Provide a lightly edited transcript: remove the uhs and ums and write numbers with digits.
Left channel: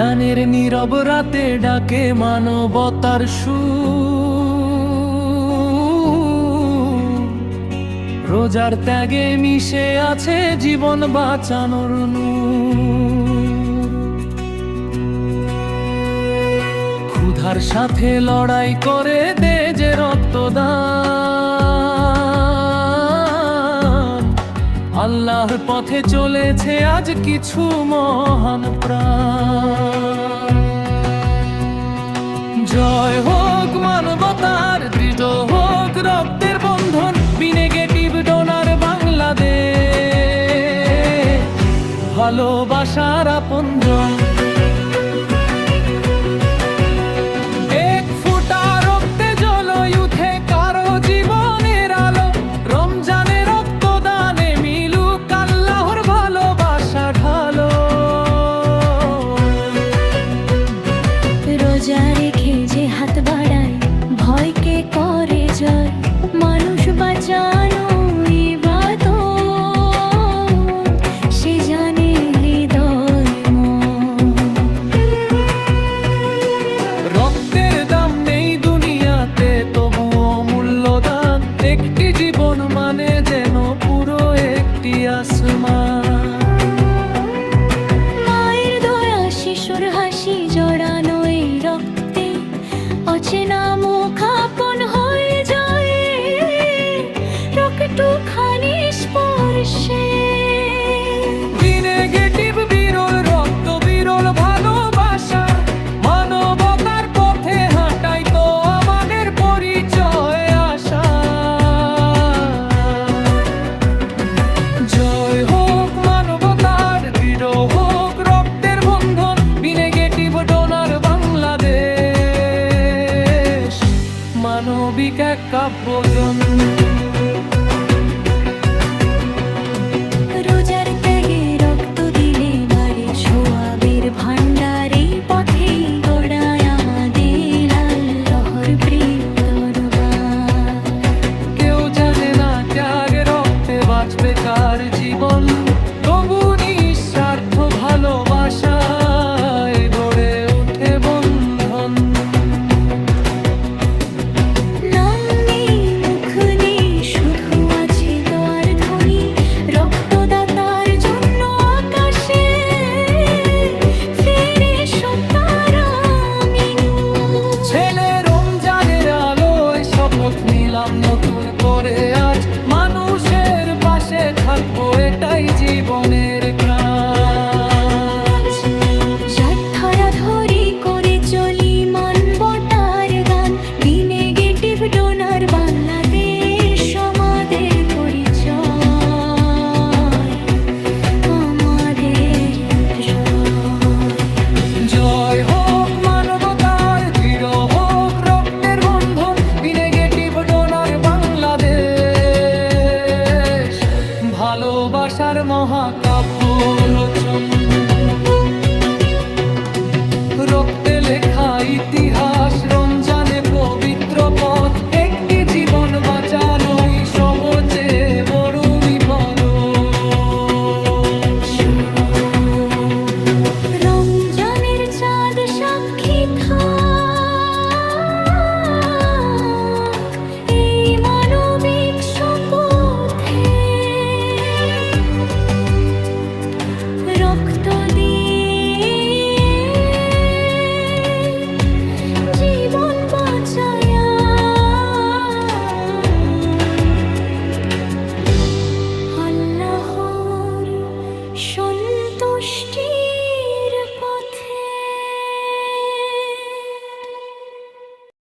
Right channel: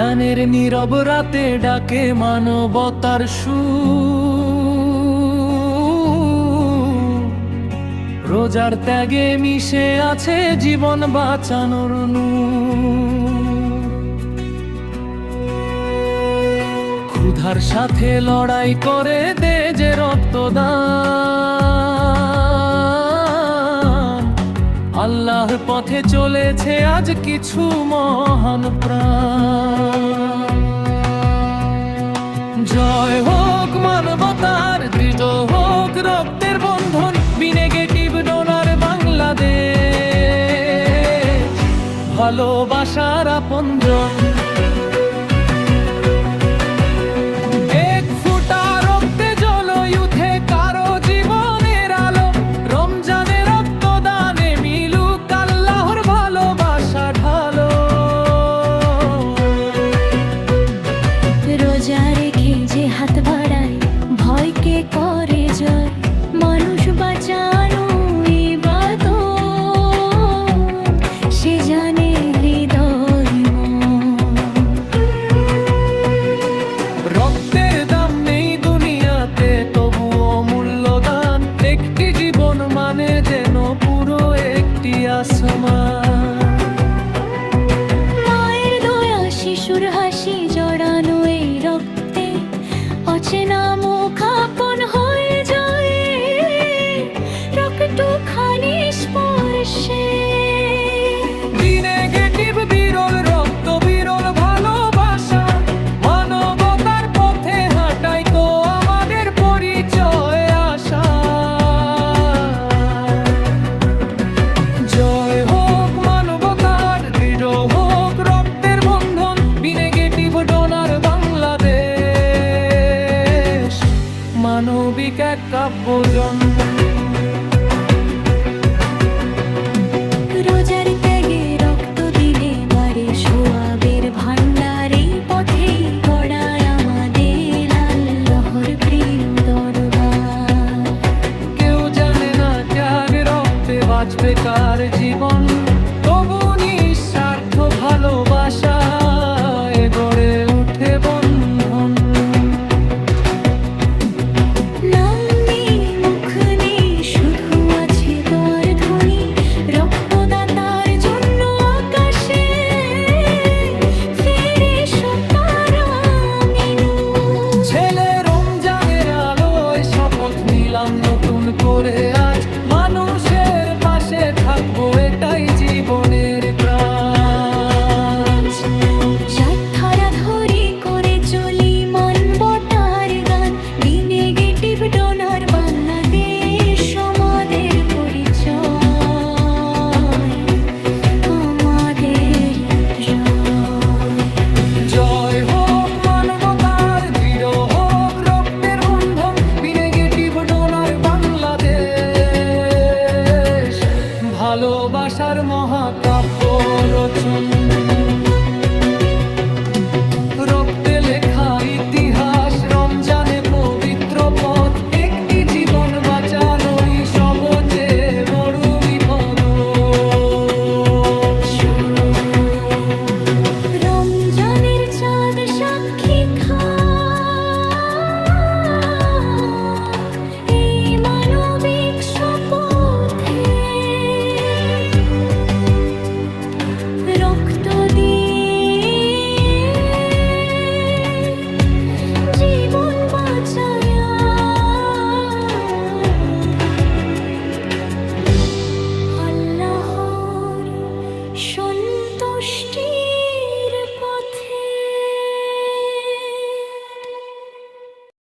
রমজানের নীরব রাতে ডাকে মানবতার সুর, রোজার ত্যাগে মিশে আছে জীবন বাঁচানোর নূর। ক্ষুধার সাথে লড়াই করে দে যে রক্তদান, আল্লাহর পথে চলেছে আজ কিছু মহান প্রাণ। জয় হোক মানবতার, দৃঢ় হোক রক্তের বন্ধন, বিনেগেটিভ ডোনার বাংলাদেশ, ভালোবাসার আপনজন। এক ফুটা রক্তে জ্বলই উঠে কারো জীবনের আলো, রমজানে রক্তদানে মিলুক আল্লাহর ভালোবাসা ঢালো। রোজা রেখে যে হাত বাড়ায় ভয়কে করে জয়, মানুষ বাঁচানো ইবাদত সে জানে হৃদয় মন। রক্তের দাম নেই দুনিয়াতে তবুও মূল্যদান, একটি জীবন মানে যেন পুরো একটি আসমান। মায়ের দয়া শিশুর হাসি জড়ানো এই রক্তে, অচেনা মুখ আপন হয়ে যায় রক্তখানি স্পর্শে। বিনেগেটিভ বিরল রক্ত, বিরল ভালোবাসা, মানবতার পথে হাঁটাই তো আমাদের পরিচয় আশা। জয় হোক মানবতার, দৃঢ় হোক রক্তের বন্ধন, বিনেগেটিভ ডোনার বাংলাদেশ, মানবিক এক কাব্যজন। রোজার ত্যাগে রক্ত দিলে বাড়ে সোয়াবের ভান্ডার, এই পথেই গড়ায় আমাদের আল্লাহর প্রিয় দরবার। কেউ জানে না ত্যাগ রক্তে বাঁচবে কার জীবন, তবু নিঃস্বার্থ ভালোবাসায় গড়ে উঠে বন্ধন। নাম নেই মুখ নেই শুধু আছে দোয়ার ধ্বনি, রক্তদাতার জন্য আকাশে ফেরে তারা মিনু। ছেলে রমজানের আলোয় শপথ নিলাম নতুন করে আজ, মানুষের পাশে থাকবো এটাই জীবনের কাজ। ধরা ধরি করে চলি মানবতার গান, বিনেগেটিভ ডোনার বাংলাদেশ আমাদের পরিচয়, আমাদের জয়। জয় হোক মানবতার, দৃঢ় হোক রক্তের বন্ধন, বিনেগেটিভ ডোনার বাংলাদেশ, ভালোবাসার মহাকাব্য রচন। রক্তে লেখা ইতিহাস, রমজানে পবিত্র পথ, একটি জীবন বাঁচানোই সবচেয়ে বড় বিপদ। রমজানের চাঁদ সাক্ষী থাক এই মানবিক শপথে, রক্ত দিয়ে